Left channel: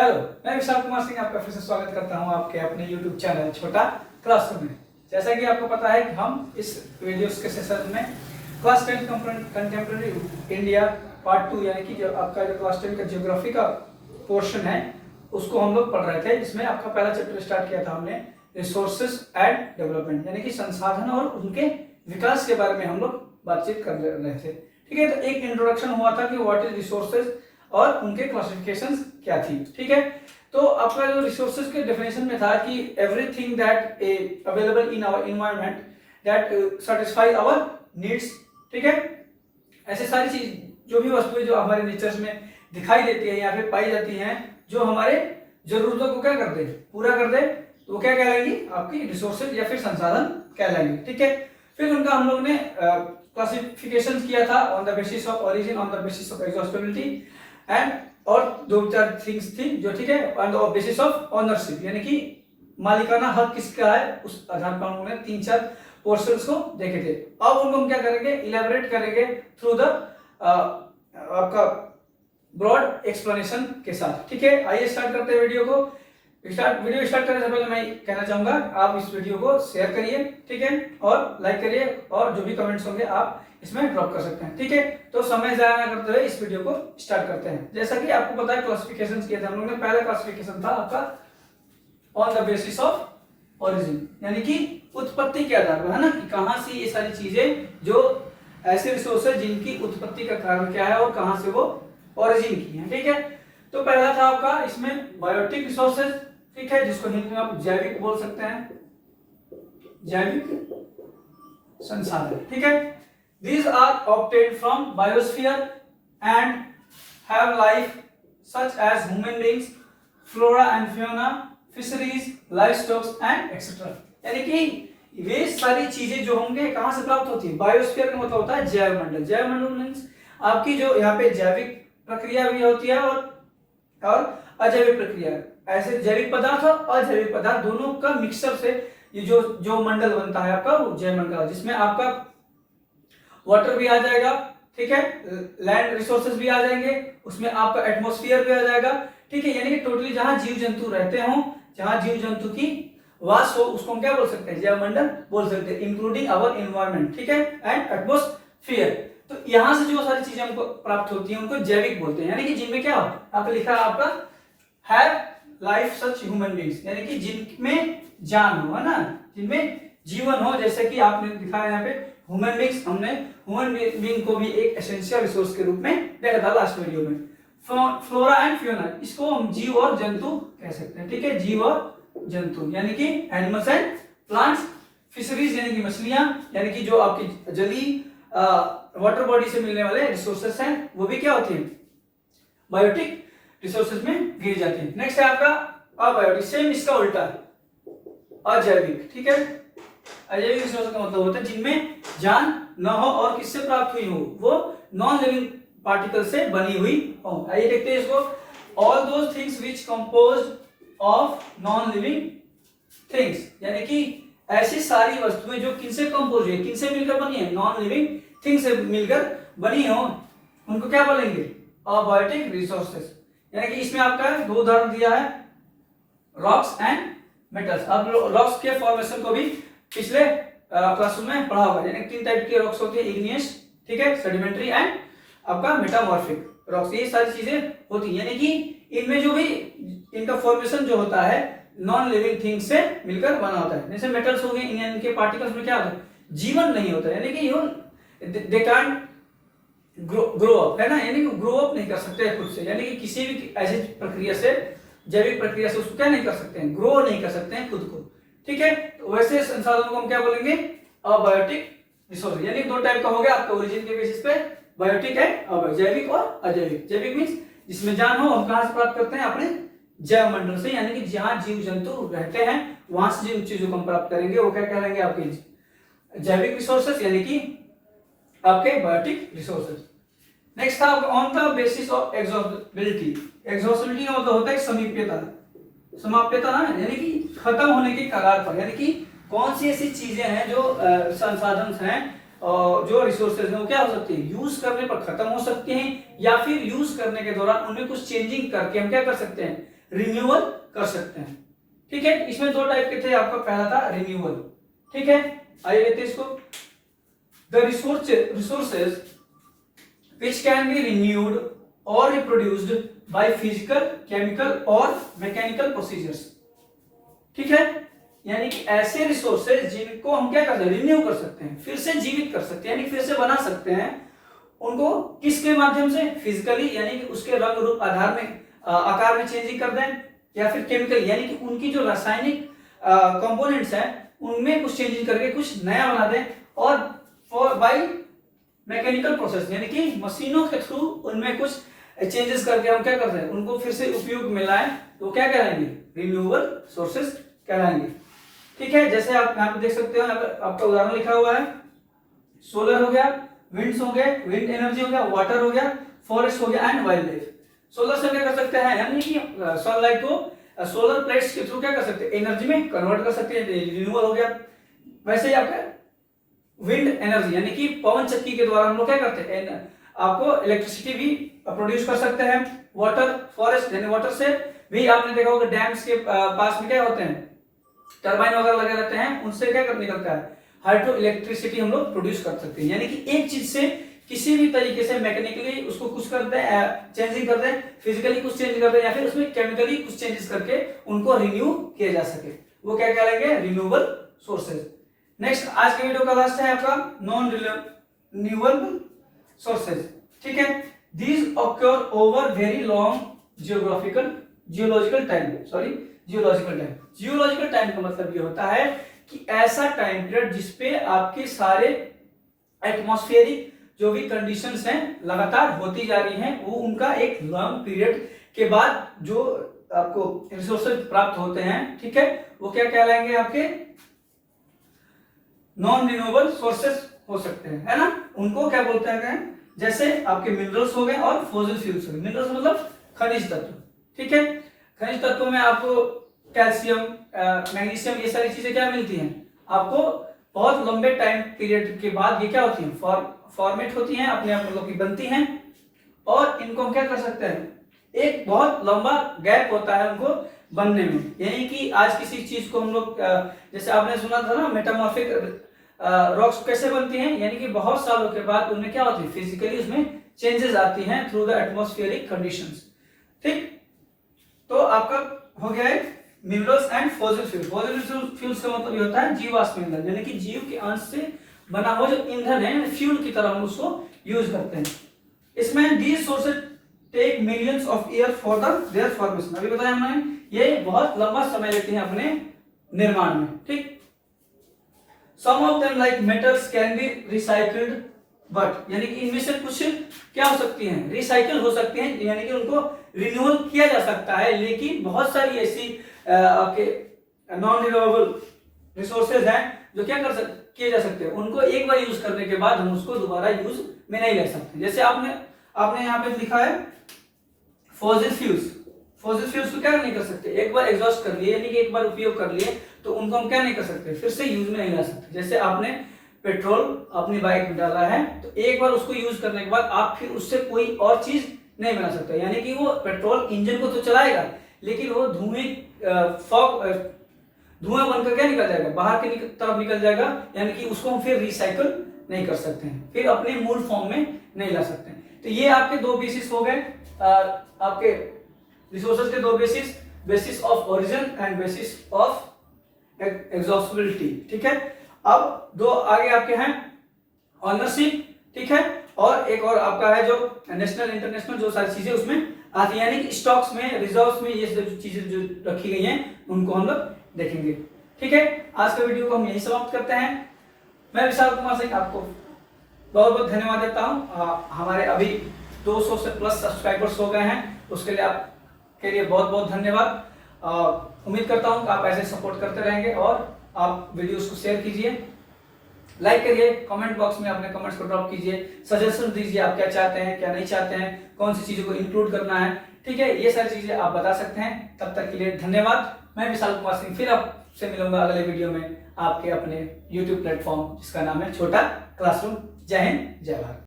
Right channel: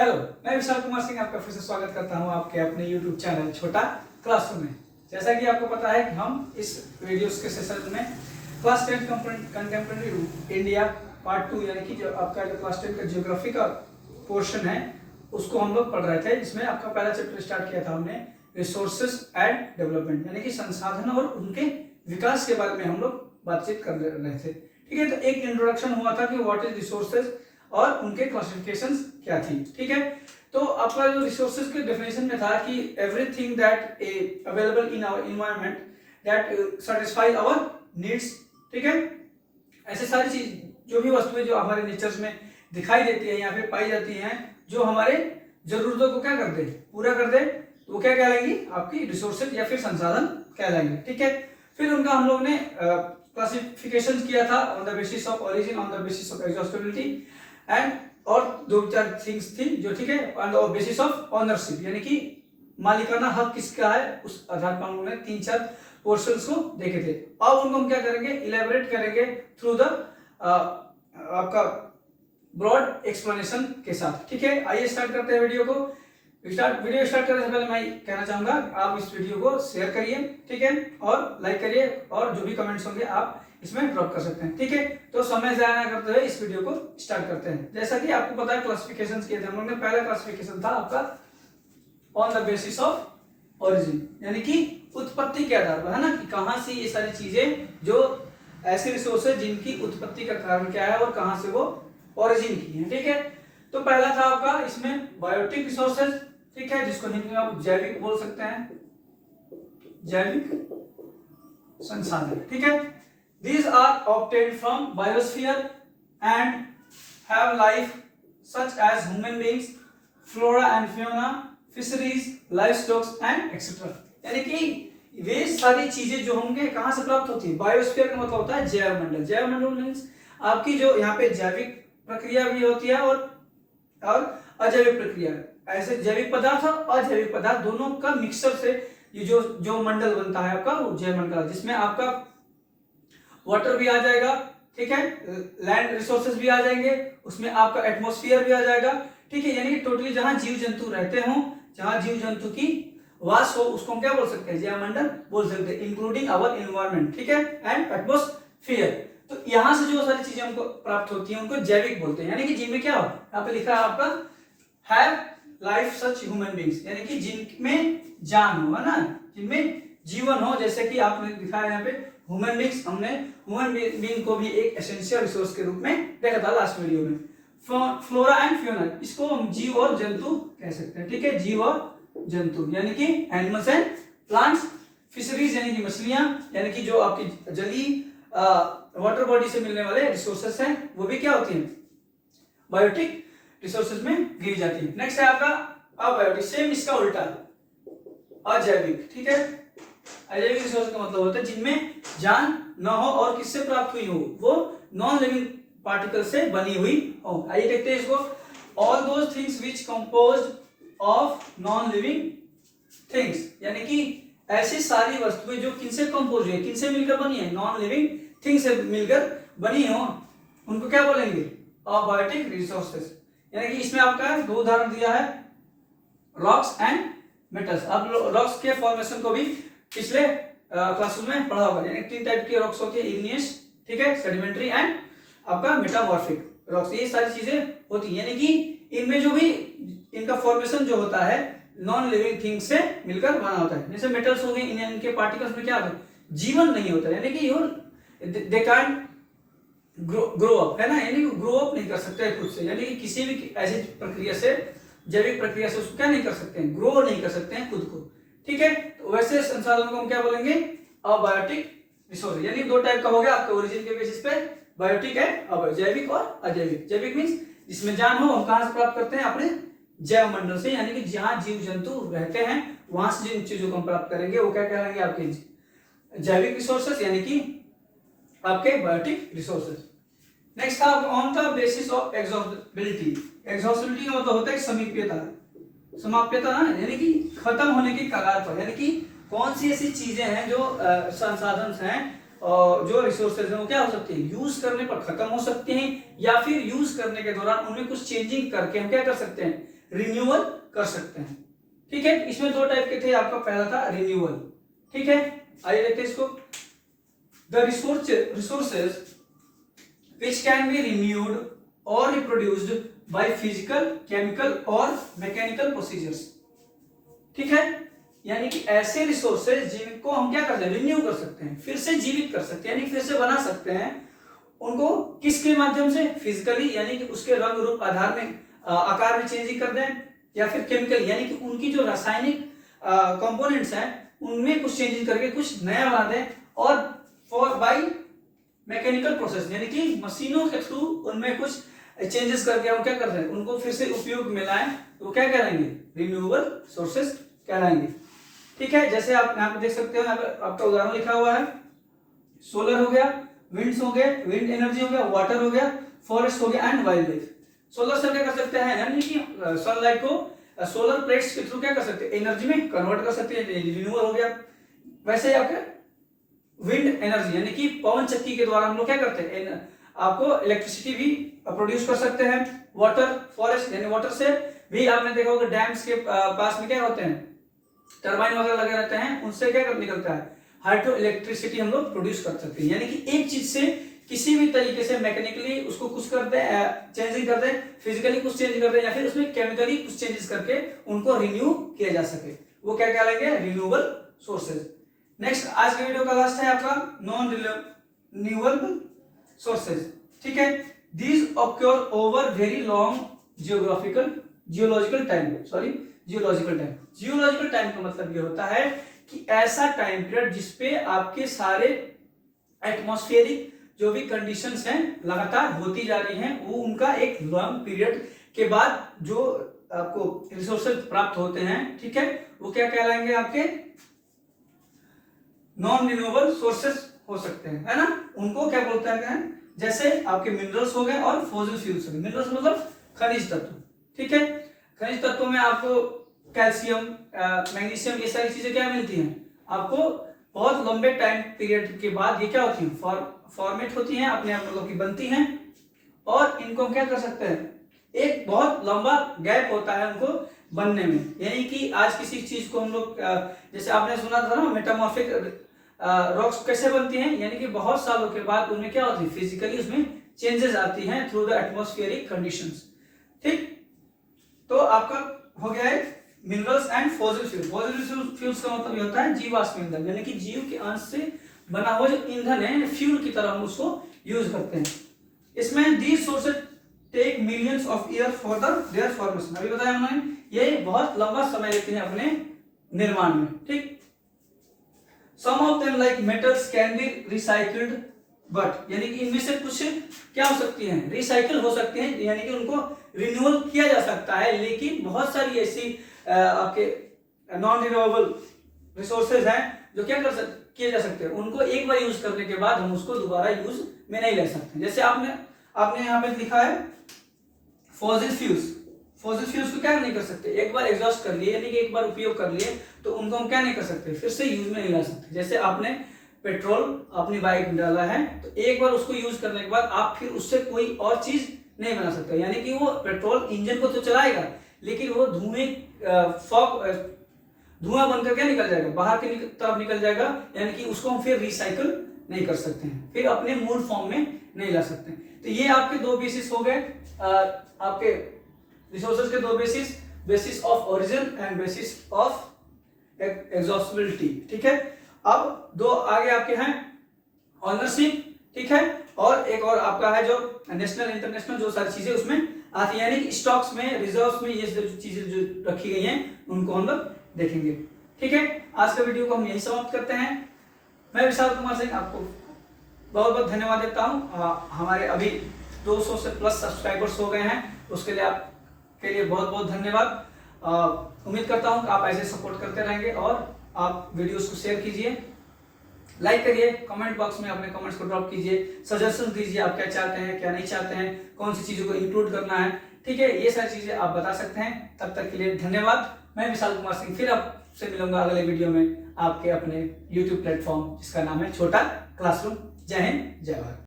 Hello, मैं विशाल कुमार सिंह आपका फिर से स्वागत करता हूं आपके अपने YouTube चैनल छोटा क्लासरूम में। जैसा कि आपको पता है कि हम इस वीडियोस के सेशन में क्लास 10 कंटेम्प्रेरी इंडिया पार्ट 2 यानी कि जो आपका जो क्लास 10 का ज्योग्राफी का पोर्शन है उसको हम लोग पढ़ रहे थे। इसमें आपका पहला चैप्टर स्टार्ट किया था हमने रिसोर्सेज एंड डेवलपमेंट यानी कि संसाधन और उनके विकास के बारे में हम लोग बातचीत कर रहे थे। ठीक है, तो एक इंट्रोडक्शन हुआ था कि व्हाट इज रिसोर्सेज और उनके क्लासिफिकेशंस क्या थी। ठीक है, तो आपका जो रिसोर्सेज के डेफिनेशन में था कि everything that available in our environment that satisfy our needs. ठीक है, ऐसे सारी चीज जो भी वस्तुएं जो हमारे नेचर्स में दिखाई देती है या फिर पाई जाती हैं जो हमारे जरूरतों को क्या कर दे, पूरा कर दे, तो वो क्या कहलाएंगी, आपकी रिसोर्सेज या फिर संसाधन कहलाएंगे। ठीक है, फिर उनका हम लोग ने क्लासिफिकेशन किया था on the basis of origin, on the basis of exhaustibility and और दो चार थिंग्स थी जो, ठीक है, on the basis of ownership यानी कि मालिकाना हक किसका है उस आधार पर हम लोगों ने 3-4 पोर्शंस को देखे थे। अब उनको हम क्या करेंगे, इलेबोरेट करेंगे थ्रू द आपका ब्रॉड एक्सप्लेनेशन के साथ। ठीक है, आइए स्टार्ट करते हैं वीडियो को। वीडियो स्टार्ट करने से पहले मैं कहना चाहूंगा आप इस वीडियो को शेयर करिए, ठीक है, और लाइक करिए और जो भी कमेंट्स होंगे आप इसमें ड्रॉप कर सकते हैं। ठीक है, तो समय जाया ना करते हुए इस वीडियो को स्टार्ट करते हैं। जैसा कि आपको पता है क्लासिफिकेशंस किए थे हम लोग ने। पहला क्लासिफिकेशन था आपका on the basis of origin यानी कि उत्पत्ति के आधार पर, है ना, कि कहां से ये सारी चीजें जो ऐसे रिसोर्स है जिनकी उत्पत्ति का कारण क्या है और कहां से वो ओरिजिन की है। ठीक है, तो पहला था आपका इसमें बायोटिक रिसोर्सेज, ठीक है, जिसको हिंदी में आप जैविक बोल सकते हैं, जैविक संसाधन। ठीक है, these are obtained from biosphere and have life such as human beings, flora and fauna, fisheries, livestock and etc. यानी कि वे सारी चीजें जो होंगे कहां से प्राप्त होती है, बायोस्फीयर का मतलब होता है जैवमंडल। जैवमंडल मींस आपकी जो यहाँ पे जैविक प्रक्रिया भी होती है और अजैविक प्रक्रिया। ऐसे जैविक पदार्थ और अजैविक पदार्थ दोनों का मिक्सचर से ये जो मंडल बनता है आपका वो जैवमंडल, जिसमें आपका वाटर भी आ जाएगा, ठीक है, लैंड रिसोर्सेज भी आ जाएंगे, उसमें आपका एटमॉस्फेयर भी आ जाएगा। ठीक है, यानी कि टोटली जहां जीव जंतु रहते हों, जहां जीव जंतु की वास हो, उसको हम क्या बोल सकते हैं, जैवमंडल बोल सकते हैं, इंक्लूडिंग आवर एनवायरनमेंट। ठीक है, एंड एटमॉस्फेयर। तो यहां से जो सारी चीजें हमको प्राप्त होती हैं उनको जैविक बोलते हैं, यानी कि जिनमें क्या हो, यहाँ पे लिखा है आपका have life such human beings, यानी कि जिनमें जान हो, है ना, जिनमें जीवन हो। जैसे कि आपने दिखाया यहाँ पे ह्यूमन बीइंग्स, हमने ह्यूमन बीइंग को भी एक एसेंशियल रिसोर्स के रूप में देखा था लास्ट वीडियो में। फ्लोरा एंड फ्यूना, इसको हम जीव और जंतु कह सकते हैं। ठीक है, जीव और जंतु यानी कि एनिमल्स एंड प्लांट्स। फिशरीज यानी कि मछलियां, यानी कि जो आपकी जलीय वाटर बॉडी से मिलने वाले रिसोर्सेस हैं वो भी क्या होती हैं, बायोटिक रिसोर्सेज में गिनी जाती है। नेक्स्ट है आपका अबायोटिक, सेम इसका उल्टा अजैविक। ठीक है, अजैविक रिसोर्स का मतलब होता है जिनमें जान न हो और किससे प्राप्त हुई हो, वो नॉन लिविंग पार्टिकल से बनी हुई हो। आइए देखते हैं इसको। All those things which composed of non living things, यानी कि ऐसी सारी वस्तुएं जो किनसे कंपोज हुई है, किनसे मिलकर बनी है, नॉन लिविंग थिंग से मिलकर बनी हो, उनको क्या बोलेंगे, अबायोटिक रिसोर्सेज। यानी कि इसमें आपका 2 उदाहरण दिया है, रॉक्स एंड मेटल्स। अब रॉक्स के फॉर्मेशन को भी पिछले क्लासरूम में पढ़ा होगा, यानी 3 टाइप के रॉक्स होते हैं, इग्नियस, ठीक है, सेडिमेंट्री एंड आपका मेटामॉर्फिक रॉक्स। ये सारी चीजें होती हैं, यानी कि इनमें जो भी इनका फॉर्मेशन जो होता है नॉन लिविंग थिंग से मिलकर बना होता है। जैसे मेटल्स हो गए, इनके पार्टिकल्स में क्या होता है, जीवन नहीं होता, यानी कि दे कांट ग्रो अप, है ना, यानी कि ग्रो अप नहीं कर सकते खुद से, यानी कि किसी भी ऐसी प्रक्रिया से, जैविक प्रक्रिया से उसको क्या नहीं कर सकते हैं, ग्रो नहीं कर सकते हैं खुद को। ठीक है, तो वैसे संसाधनों को हम क्या बोलेंगे, अबायोटिक रिसोर्स। यानी 2 टाइप का हो गया आपका ओरिजिन के बेसिस पे, बायोटिक है, जैविक और अजैविक। जैविक मींस जिसमें जान हो, हम कहां से प्राप्त करते हैं, अपने जैव मंडल से, यानी कि जहां जीव जंतु रहते हैं वहां से जिन चीजों को हम प्राप्त करेंगे वो क्या कहलाएंगे, आपके जैविक रिसोर्सेज यानी कि आपके बायोटिक रिसोर्सेज। नेक्स्ट था on the basis of exhaustibility. Exhaustibility का मतलब होता है समीप्यता, समाप्यता ना, यानी कि खत्म होने की कगार पर, यानी कि कौन सी ऐसी चीजें हैं जो संसाधन हैं और जो रिसोर्सेज हैं वो क्या हो सकती है, यूज करने पर खत्म हो सकती हैं, या फिर यूज करने के दौरान उनमें कुछ चेंजिंग करके हम क्या कर सकते हैं, रिन्यूअल कर सकते हैं। ठीक है, इसमें दो टाइप के थे, आपका पहला था रिन्यूअल। ठीक है, आइए देखते हैं इसको। The resources which can be renewed or reproduced by physical, chemical और mechanical procedures। ठीक है, यानी कि ऐसे रिसोर्सेज जिनको हम क्या कर सकते हैं, रिन्यू कर सकते हैं, फिर से जीवित कर सकते हैं, यानी फिर से बना सकते हैं, उनको किसके माध्यम से, फिजिकली यानी कि उसके रंग रूप आधार में आकार में चेंजिंग कर दें, या फिर केमिकल यानी कि उनकी जो रासायनिक कंपोनेंट्स हैं उनमें कुछ चेंजेस करके कुछ नया बना दें, और फॉर बाई मैकेनिकल प्रोसेस यानी कि मशीनों के थ्रू उनमें कुछ चेंजेस करके हम क्या करते हैं, उनको फिर से उपयोग में लाएं, तो क्या कहलाएंगे, रिन्यूएबल सोर्सेज कहलाएंगे। ठीक है, जैसे आप यहाँ पे देख सकते हो, यहाँ पे आपका उदाहरण लिखा हुआ है, सोलर हो गया, विंड्स हो गए, विंड एनर्जी हो गया, वाटर हो गया, फॉरेस्ट हो गया एंड वाइल्ड लाइफ। सोलर से क्या कर सकते हैं, यानी कि सनलाइट को सोलर प्लेट्स के थ्रू क्या कर सकते हैं, एनर्जी में कन्वर्ट कर सकते हैं, रिन्यूअल हो गया। वैसे ही आपका विंड एनर्जी यानी कि पवन चक्की के द्वारा हम लोग क्या करते हैं, आपको इलेक्ट्रिसिटी भी प्रोड्यूस कर सकते हैं। वाटर, फॉरेस्ट यानी वाटर से भी आपने देखा होगा डैम्स के पास में क्या होते हैं, टरबाइन वगैरह लगे रहते हैं, उनसे क्या निकलता है, हाइड्रो इलेक्ट्रिसिटी हम लोग प्रोड्यूस कर सकते हैं। यानी कि एक चीज से किसी भी तरीके से मैकेनिकली उसको कुछ कर दें, चेंजिंग कर दें, फिजिकली कुछ चेंज कर दें, या फिर उसमें केमिकली कुछ चेंजेस करके उनको रिन्यू किया जा सके, वो क्या कहलाएंगे, रिन्यूएबल सोर्सेज। नेक्स्ट, आज के वीडियो का लास्ट है आपका नॉन रिन्यूएबल सोर्सेज। ठीक है, these occur over very long geological time. Geological time का मतलब ये होता है कि ऐसा टाइम पीरियड जिसपे आपके सारे एटमॉस्फेरिक जो भी कंडीशंस हैं लगातार होती जा रही हैं, वो उनका एक लॉन्ग पीरियड के बाद जो आपको रिसोर्सेज प्राप्त होते हैं, ठीक है, वो क्या कहलाएंगे, आपके नॉन रिन्यूएबल सोर्सेज हो सकते हैं, है ना। उनको क्या बोलते हैं, जैसे आपके मिनरल्स हो गए और फॉसिल फ्यूल्स हो गए। मिनरल्स मतलब खनिज तत्व। ठीक है, खनिज तत्वों में आपको कैल्शियम, मैग्नीशियम, ये सारी चीजें क्या मिलती हैं, आपको बहुत लंबे टाइम पीरियड के बाद ये क्या होती हैं, फॉर्मेट होती हैं, अपने आप मतलब की बनती हैं, और इनको हम क्या कर सकते हैं, एक बहुत लंबा गैप होता है उनको बनने में। यानी कि आज किसी चीज को हम लोग, जैसे आपने सुना था ना, मेटामॉर्फिक रॉक्स कैसे बनती हैं, यानी कि बहुत सालों के बाद उनमें क्या होती है, फिजिकली उसमें चेंजेस आती हैं थ्रू द एटमॉस्फेरिक कंडीशंस। ठीक, तो आपका हो गया है minerals and fossil fuel. Fossil fuels का मतलब ये होता है जीवाश्म ईंधन, यानी कि जीव के अंश से बना हुआ जो ईंधन है, फ्यूल की तरह हम उसको यूज करते हैं। इसमें these sources take millions of year for their formation. अभी बताया हमने, ये बहुत लंबा समय लेते हैं अपने निर्माण में। ठीक, some of them like metals can be recycled, but यानी कि इनमें से कुछ क्या हो सकती हैं, रिसाइकल हो सकती हैं, यानी कि उनको रिन्यूअल किया जा सकता है। लेकिन बहुत सारी ऐसी आपके नॉन रिन्यूएबल रिसोर्सेज हैं जो क्या किए जा सकते हैं, उनको एक बार यूज करने के बाद हम उसको दोबारा यूज में नहीं ले सकते। जैसे आपने यहाँ पे लिखा है फॉसिल फ्यूल्स। फॉसिल फ्यूल्स को क्या नहीं कर सकते, एक बार एग्जॉस्ट कर लिए, यानी कि एक बार उपयोग कर लिए, तो उनको हम क्या नहीं कर सकते, फिर से यूज में नहीं ला सकते। जैसे आपने पेट्रोल अपनी बाइक में डाला है, तो एक बार उसको यूज करने के बाद आप फिर उससे कोई और चीज नहीं बना सकते। यानी कि वो पेट्रोल इंजन को तो चलाएगा, लेकिन वो धुआं बनकर क्या निकल जाएगा, बाहर की तरफ निकल जाएगा, यानी कि उसको हम फिर रिसाइकल नहीं कर सकते हैं, फिर अपने मूल फॉर्म में नहीं ला सकते हैं। तो ये आपके दो बेसिस हो गए, आपके रिसोर्सेज के दो basis of origin and bases of exhaustibility. ठीक है, अब दो आगे आपके हैं ऑनरशिप, ठीक है, और एक और आपका है जो नेशनल इंटरनेशनल, जो सारी चीजें उसमें आती है, यानी कि स्टॉक्स में, रिजर्व्स में ये जो चीजें जो रखी गई हैं उनको हम लोग देखेंगे। ठीक है, आज के वीडियो को हम यही समाप्त करते हैं। मैं विशाल कुमार सिंह आपको बहुत बहुत धन्यवाद देता हूँ। हमारे अभी 200 से प्लस सब्सक्राइबर्स हो गए हैं, उसके लिए आपके लिए बहुत बहुत धन्यवाद। उम्मीद करता हूँ कि आप ऐसे सपोर्ट करते रहेंगे, और आप वीडियोस को शेयर कीजिए, लाइक करिए, कमेंट बॉक्स में अपने कमेंट्स को ड्रॉप कीजिए, सजेशन दीजिए, आप क्या चाहते हैं, क्या नहीं चाहते हैं, कौन सी चीज़ों को इंक्लूड करना है। ठीक है, ये सारी चीज़ें आप बता सकते हैं। तब तक के लिए धन्यवाद। मैं विशाल कुमार सिंह फिर आपसे मिलूंगा अगले वीडियो में आपके अपने YouTube प्लेटफॉर्म जिसका नाम है छोटा क्लासरूम। जय हिंद, जय भारत।